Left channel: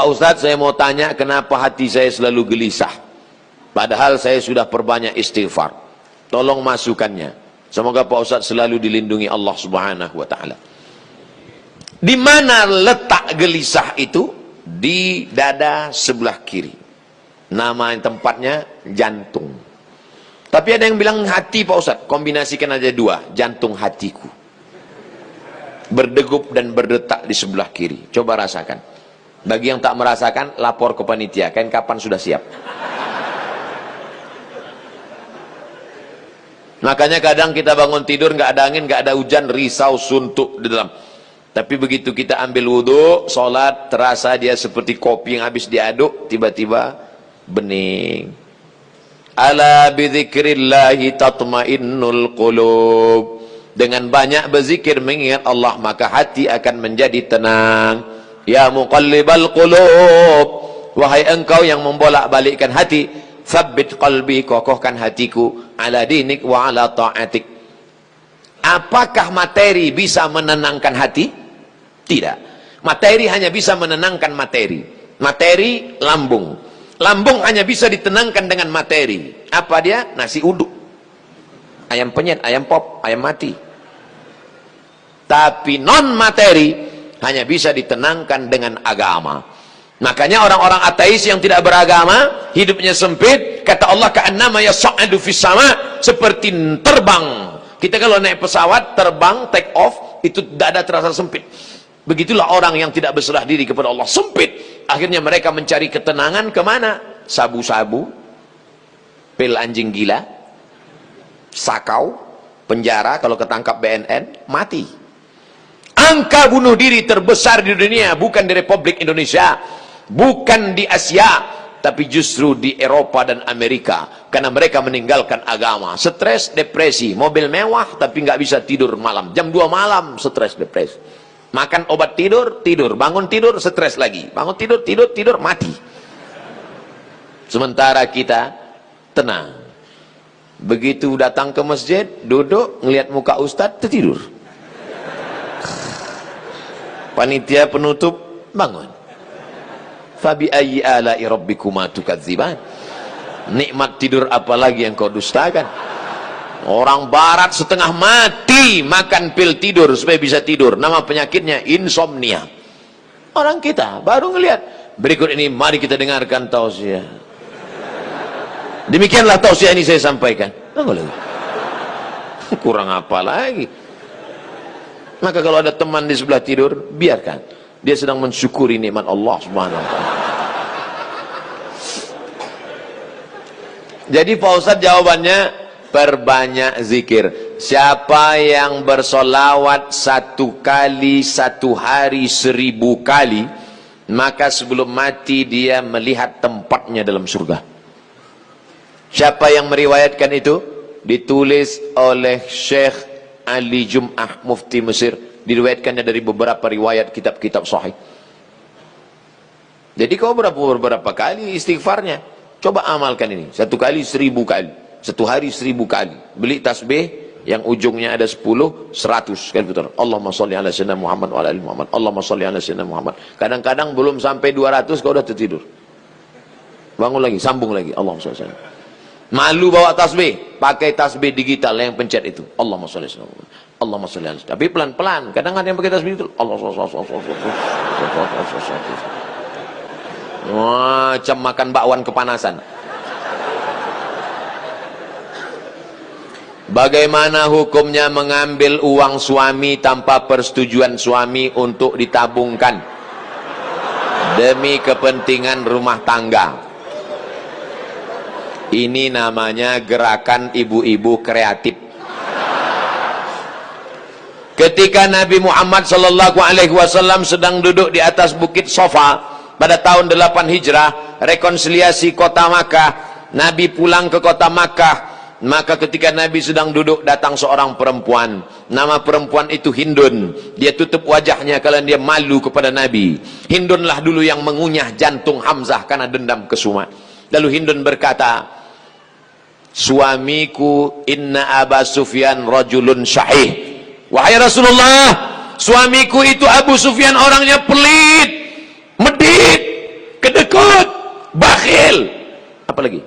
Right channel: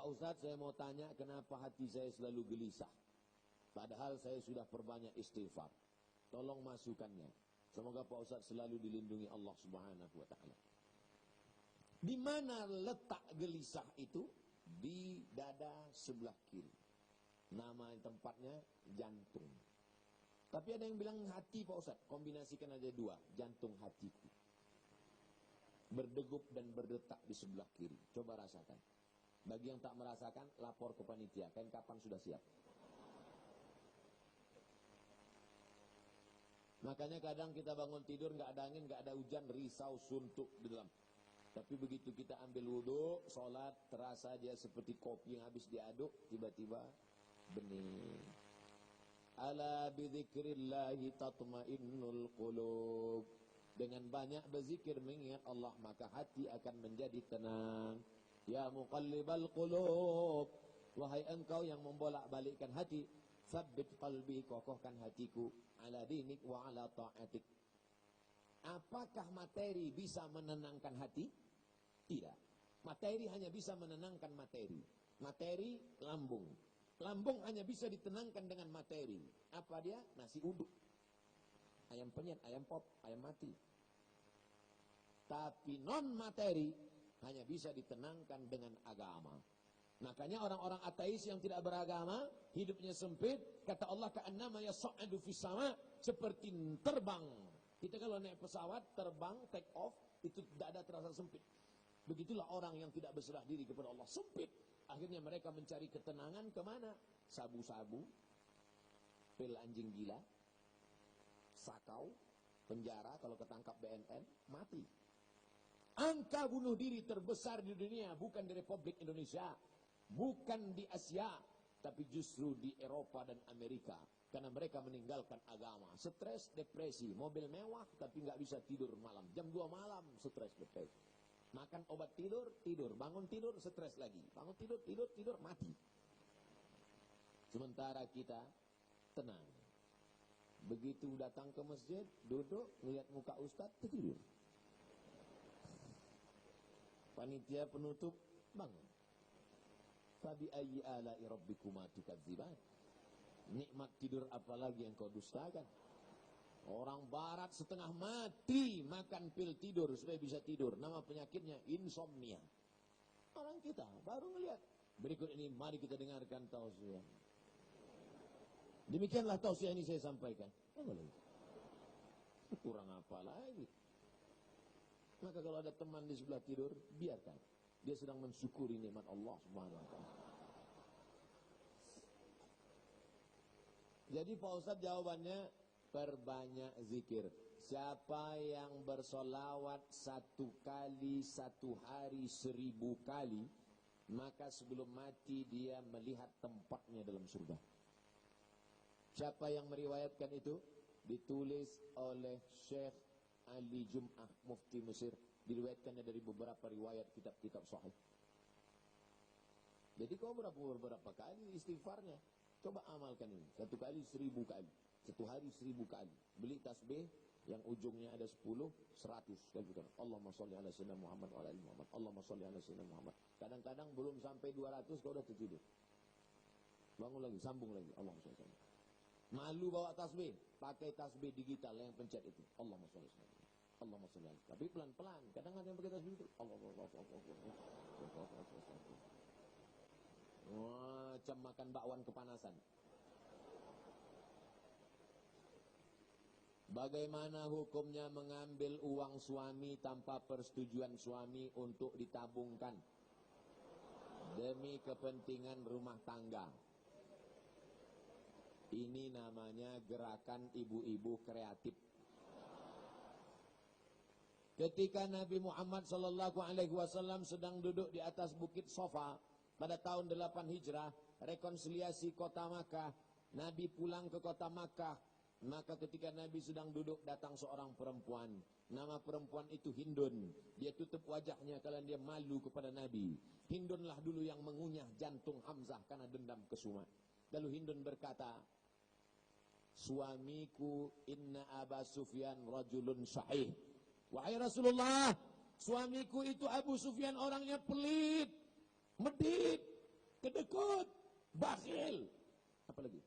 Pak Ustadz, saya mau tanya kenapa hati saya selalu gelisah, padahal saya sudah perbanyak istighfar. Tolong masukannya. Semoga Pak Ustadz selalu dilindungi Allah Subhanahu wa ta'ala. Di mana letak gelisah itu? Di dada sebelah kiri. Nama tempatnya jantung. Tapi ada yang bilang hati Pak Ustadz. Kombinasikan aja dua. Jantung hatiku. Berdegup dan berdetak di sebelah kiri. Coba rasakan. Bagi yang tak merasakan, lapor ke panitia. Kapan sudah siap. Makanya kadang kita bangun tidur, nggak ada angin, nggak ada hujan, risau, suntuk di dalam. Tapi begitu kita ambil wudhu, sholat, terasa dia seperti kopi yang habis diaduk, tiba-tiba bening. Ala bidzikrillahi tatmainnul qulub. Dengan banyak berzikir mengingat Allah, maka hati akan menjadi tenang. Ya muqallibal qulub, wahai engkau yang membolak-balikkan hati, tsabbit qalbi, kokohkan hatiku, ala dinik wa ala ta'atik. Apakah materi bisa menenangkan hati? Tidak. Materi hanya bisa menenangkan materi. Materi lambung. Lambung hanya bisa ditenangkan dengan materi. Apa dia? Nasi uduk, ayam penyet, ayam pop, ayam mati. Tapi non materi hanya bisa ditenangkan dengan agama. Makanya orang-orang ateis yang tidak beragama, hidupnya sempit. Kata Allah, ka'annama yas'adu fis sama, seperti terbang. Kita kalau naik pesawat, terbang, take off, itu dada terasa sempit. Begitulah orang yang tidak berserah diri kepada Allah, sempit. Akhirnya mereka mencari ketenangan kemana? Sabu-sabu, pil anjing gila, sakau, penjara, kalau ketangkap BNN, mati. Angka bunuh diri terbesar di dunia, bukan di Republik Indonesia, bukan di Asia, tapi justru di Eropa dan Amerika. Karena mereka meninggalkan agama. Stres, depresi, mobil mewah tapi nggak bisa tidur malam. Jam 2 malam stres, depresi. Makan obat tidur, tidur. Bangun tidur, stres lagi. Bangun tidur, tidur, tidur, mati. Sementara kita tenang. Begitu datang ke masjid, duduk, ngelihat muka ustadz, tertidur. Panitia penutup, bangun. Fabi ayyi ala'i rabbikuma tukadziban. Nikmat tidur apalagi yang kau dustakan. Orang barat setengah mati makan pil tidur supaya bisa tidur. Nama penyakitnya insomnia. Orang kita baru ngelihat. Berikut ini mari kita dengarkan tausiah. Demikianlah tausiah ini saya sampaikan. Kurang apa lagi? Maka kalau ada teman di sebelah tidur, biarkan. Dia sedang mensyukuri nikmat Allah Subhanahu wa ta'ala. Jadi Pak Ustadz jawabannya, perbanyak zikir. Siapa yang bersolawat 1 kali 1 hari 1000 kali, maka sebelum mati dia melihat tempatnya dalam surga. Siapa yang meriwayatkan itu? Ditulis oleh Syekh Ali Jum'ah, Mufti Mesir. Diriwayatkannya dari beberapa riwayat kitab-kitab sahih. Jadi kau beberapa kali istighfarnya. Coba amalkan ini. 1 kali 1000 kali. 1 hari 1000 kali. Beli tasbih yang ujungnya ada 10, 100 kali putar. Allahumma sholli ala sayyidina Muhammad wa ala ali Muhammad. Allahumma sholli ala sayyidina Muhammad. Kadang-kadang belum sampai 200 kau udah tertidur. Bangun lagi, sambung lagi. Allahumma sholli ala. Malu bawa tasbih, pakai tasbih digital yang pencet itu. Allahumma sholli ala sayyidina Muhammad. Allahumma sholli ala. Tapi pelan-pelan. Kadang ada yang pakai tasbih itu. Macam makan bakwan kepanasan. Bagaimana hukumnya mengambil uang suami tanpa persetujuan suami untuk ditabungkan demi kepentingan rumah tangga? Ini namanya gerakan ibu-ibu kreatif. Ketika Nabi Muhammad SAW sedang duduk di atas bukit Sofa pada tahun 8 Hijrah, rekonsiliasi kota Makkah, Nabi pulang ke kota Makkah. Maka ketika Nabi sedang duduk, datang seorang perempuan. Nama perempuan itu Hindun. Dia tutup wajahnya karena dia malu kepada Nabi. Hindunlah dulu yang mengunyah jantung Hamzah karena dendam kesuma. Lalu Hindun berkata, suamiku inna Aba Sufyan rajulun syahih. Wahai Rasulullah, suamiku itu Abu Sufyan orangnya pelit, medit, apa lagi?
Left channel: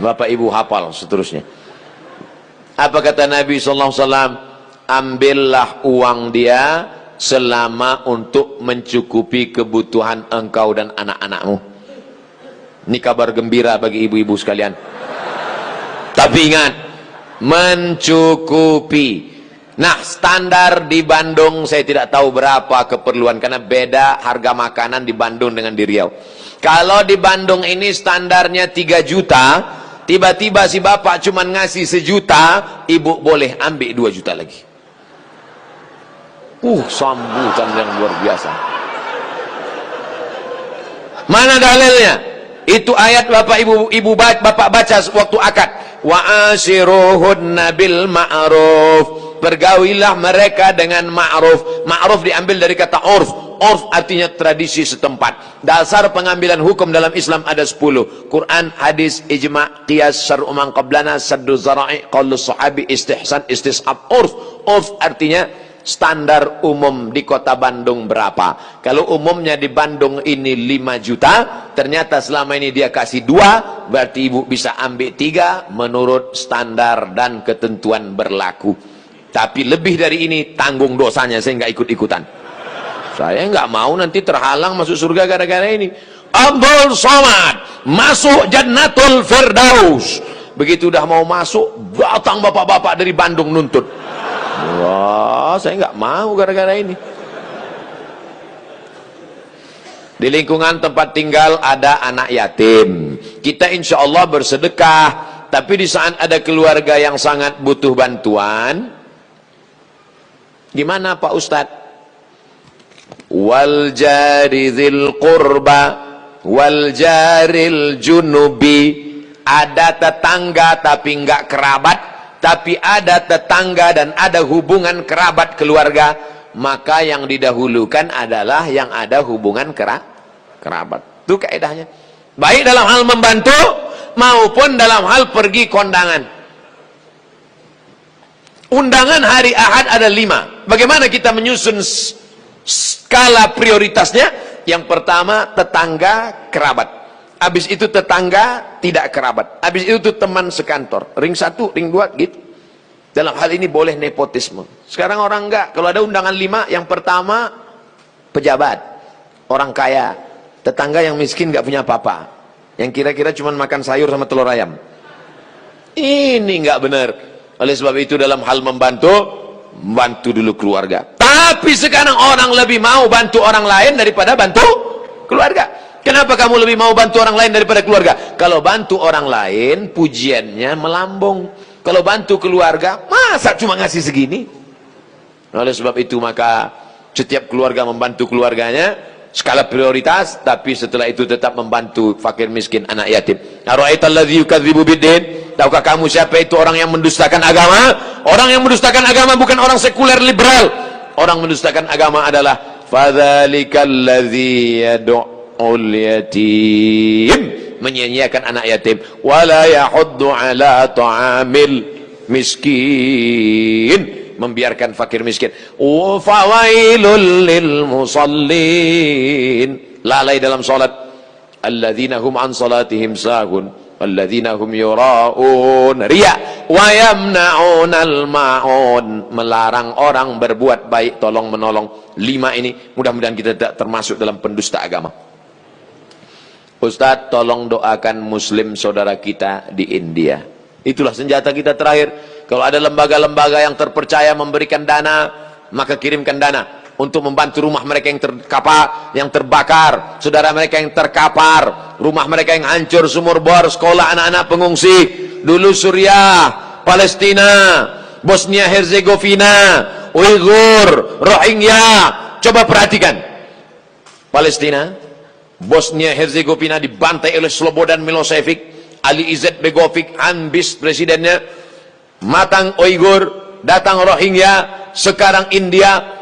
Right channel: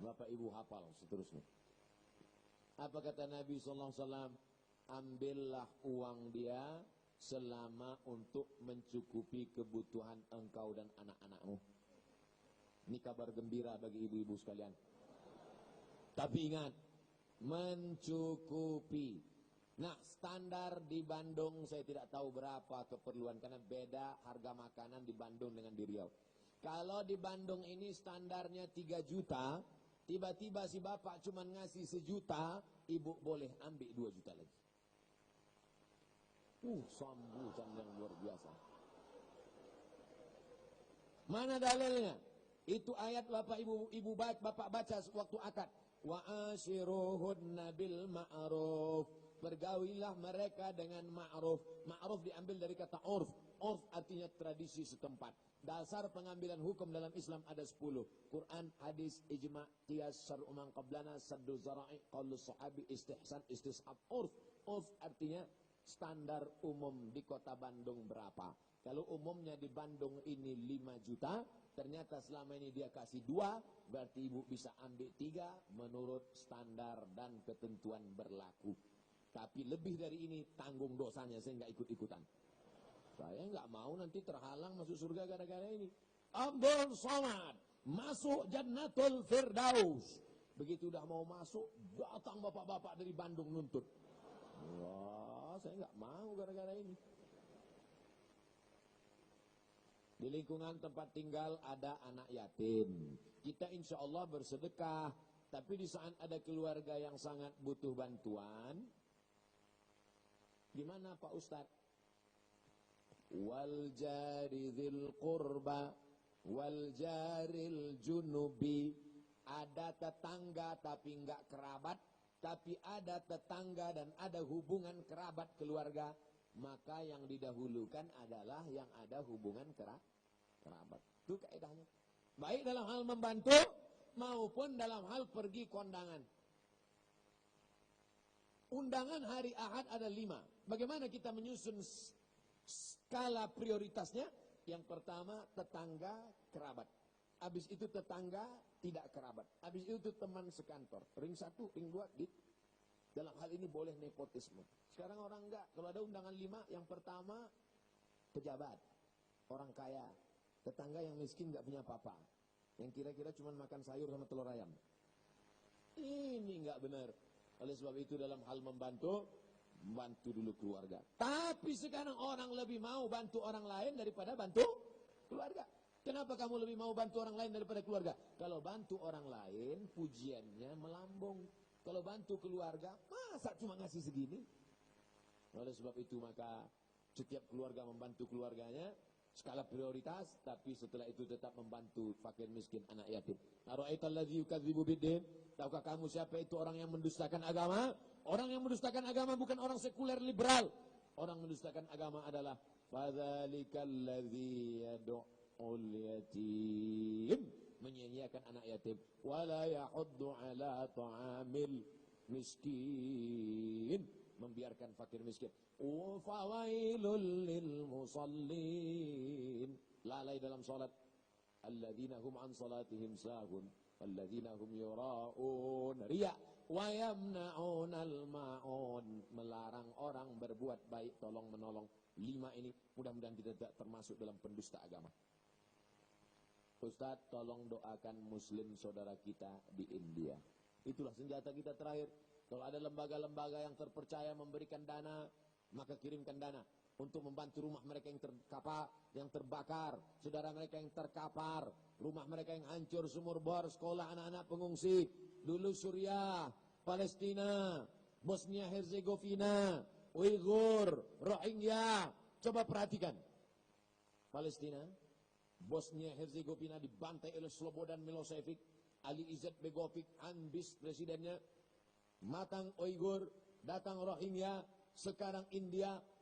Bapak ibu hafal seterusnya. Apa kata Nabi SAW? Ambillah uang dia selama untuk mencukupi kebutuhan engkau dan anak-anakmu. Ini kabar gembira bagi ibu-ibu sekalian. Tapi ingat, mencukupi. Nah, standar di Bandung saya tidak tahu berapa keperluan, karena beda harga makanan di Bandung dengan di Riau. Kalau di Bandung ini standarnya 3 juta, tiba-tiba si bapak cuma ngasih 1 juta, ibu boleh ambil 2 juta lagi. Sambutan yang luar biasa. Mana dalilnya? Itu ayat bapak bapak baca waktu akad. Wa ashiruhunna bil ma'ruf. Bergaulilah mereka dengan ma'ruf. Ma'ruf diambil dari kata urf. Urf artinya tradisi setempat. Dasar pengambilan hukum dalam Islam ada 10. Quran, hadis, ijma', qiyas, syar'u man qablana, saddu zara'i, qaulu sahabi, istihsan, istishab. Urf. Urf artinya standar umum di kota Bandung berapa. Kalau umumnya di Bandung ini 5 juta, ternyata selama ini dia kasih 2, berarti ibu bisa ambil 3 menurut standar dan ketentuan berlaku. Tapi lebih dari ini tanggung dosanya, saya nggak ikut-ikutan. Saya nggak mau nanti terhalang masuk surga gara-gara ini. Abdul Somad masuk Jannatul Firdaus. Begitu udah mau masuk, datang bapak-bapak dari Bandung nuntut. Wah, saya nggak mau gara-gara ini. Di lingkungan tempat tinggal ada anak yatim. Kita insya Allah bersedekah. Tapi di saat ada keluarga yang sangat butuh bantuan, gimana Pak Ustadz? Wal jari dzil qurba wal jaril junubi. Ada tetangga tapi enggak kerabat, tapi ada tetangga dan ada hubungan kerabat keluarga, maka yang didahulukan adalah yang ada hubungan kerabat. Itu kaidahnya. Baik dalam hal membantu maupun dalam hal pergi kondangan. Undangan hari Ahad ada 5. Bagaimana kita menyusun skala prioritasnya? Yang pertama tetangga kerabat. Habis itu tetangga tidak kerabat. Habis itu teman sekantor. Ring 1, ring 2 gitu. Dalam hal ini boleh nepotisme. Sekarang orang enggak. Kalau ada undangan 5, yang pertama pejabat, orang kaya, tetangga yang miskin enggak punya apa-apa, yang kira-kira cuma makan sayur sama telur ayam. Ini enggak benar. Oleh sebab itu dalam hal membantu dulu keluarga. Tapi sekarang orang lebih mau bantu orang lain daripada bantu keluarga. Kenapa kamu lebih mau bantu orang lain daripada keluarga? Kalau bantu orang lain, pujiannya melambung. Kalau bantu keluarga, masa cuma ngasih segini? Oleh sebab itu maka setiap keluarga membantu keluarganya, skala prioritas, tapi setelah itu tetap membantu fakir miskin, anak yatim. Ara'aitalladzi yukadzibu biddin? Tahukah kamu siapa itu orang yang mendustakan agama? Orang yang mendustakan agama bukan orang sekuler liberal. Orang mendustakan agama adalah fadzalikal-ladzi yad'ul yatim, menyanyiakan anak yatim, wala yahuddu ala ta'amil miskin, membiarkan fakir miskin. Fawailul lil musallin, lalai dalam salat. Alladzina hum an salatihim sahun walladzina hum yura'un, riya, wa yamna'unal ma'un, melarang orang berbuat baik, tolong menolong. 5 ini mudah-mudahan kita tidak termasuk dalam pendusta agama. Ustadz, tolong doakan muslim saudara kita di India. Itulah senjata kita terakhir. Kalau ada lembaga-lembaga yang terpercaya memberikan dana, maka kirimkan dana untuk membantu rumah mereka yang yang terbakar, saudara mereka yang terkapar, rumah mereka yang hancur, sumur bor, sekolah anak-anak pengungsi. Dulu Suriah, Palestina, Bosnia Herzegovina, Uighur, Rohingya. Coba perhatikan. Palestina, Bosnia Herzegovina dibantai oleh Slobodan Milosevic, Ali Izzet Begovic, Hanbis presidennya, matang Uighur, datang Rohingya, sekarang India.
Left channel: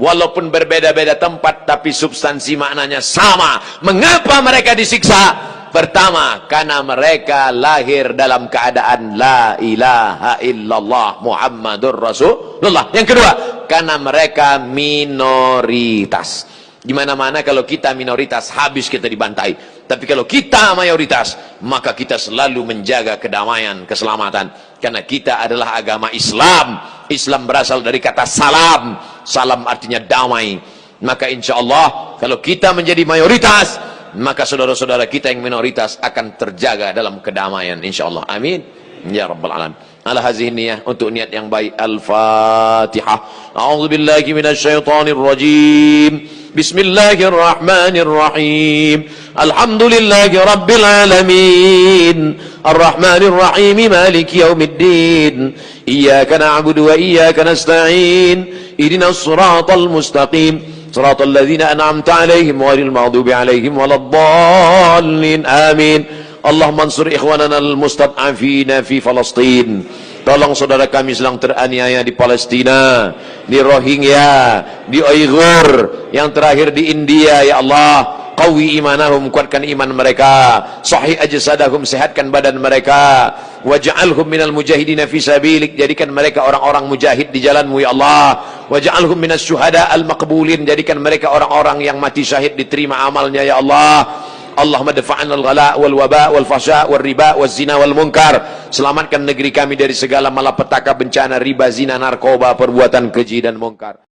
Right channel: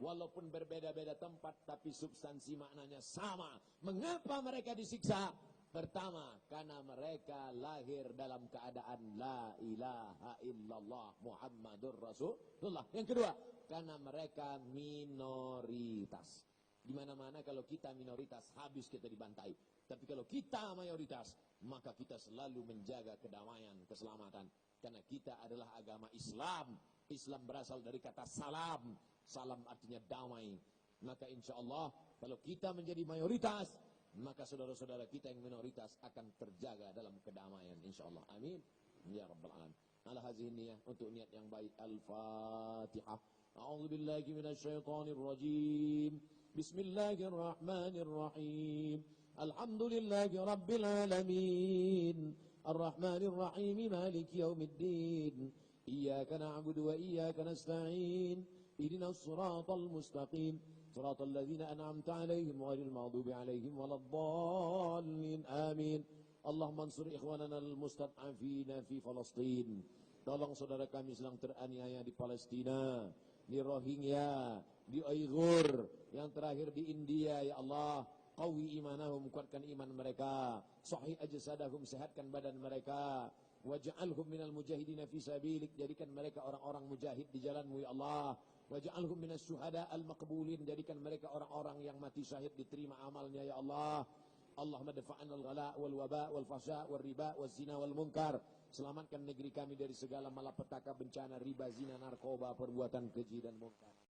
Walaupun berbeda-beda tempat, tapi substansi maknanya sama. Mengapa mereka disiksa? Pertama, karena mereka lahir dalam keadaan la ilaha illallah Muhammadur Rasulullah. Yang kedua, karena mereka minoritas. Di mana-mana kalau kita minoritas, habis kita dibantai. Tapi kalau kita mayoritas, maka kita selalu menjaga kedamaian, keselamatan. Karena kita adalah agama Islam. Islam berasal dari kata salam. Salam artinya damai. Maka insya Allah, kalau kita menjadi mayoritas, maka saudara-saudara kita yang minoritas akan terjaga dalam kedamaian. Insya Allah. Amin. Ya Rabbal Alamin. Ala hazihi niyah, untuk niat yang baik. Al-Fatihah. A'udzubillahi minasyaitonir rajim. Bismillahirrahmanirrahim. Alhamdulillahi rabbil alamin. Ar-Rahmanir Rahim. Maliki yaumiddin. Iyyaka na'budu wa iyyaka nasta'in. Ihdinas siratal mustaqim. Siratal ladzina an'amta 'alaihim ghairil maghdubi 'alaihim waladdallin. Amin. Allahumma ansur ikhwanana al-mustad'afina fi Palestin. Tolong saudara kami sedang teraniaya di Palestina, di Rohingya, di Uighur, yang terakhir di India. Ya Allah, qawi imanahum, kuatkan iman mereka. Sahih ajsadahum, sehatkan badan mereka. Waj'alhum minal mujahidina fi sabilik, jadikan mereka orang-orang mujahid di jalanmu ya Allah. Waj'alhum minas syuhada al-maqbulin, jadikan mereka orang-orang yang mati syahid, diterima amalnya ya Allah. Allahumma dafa'na al-ghala wal waba wal fasha wal riba wal zina wal munkar. Selamatkan negeri kami dari segala malapetaka, bencana, riba, zina, narkoba, perbuatan keji dan munkar.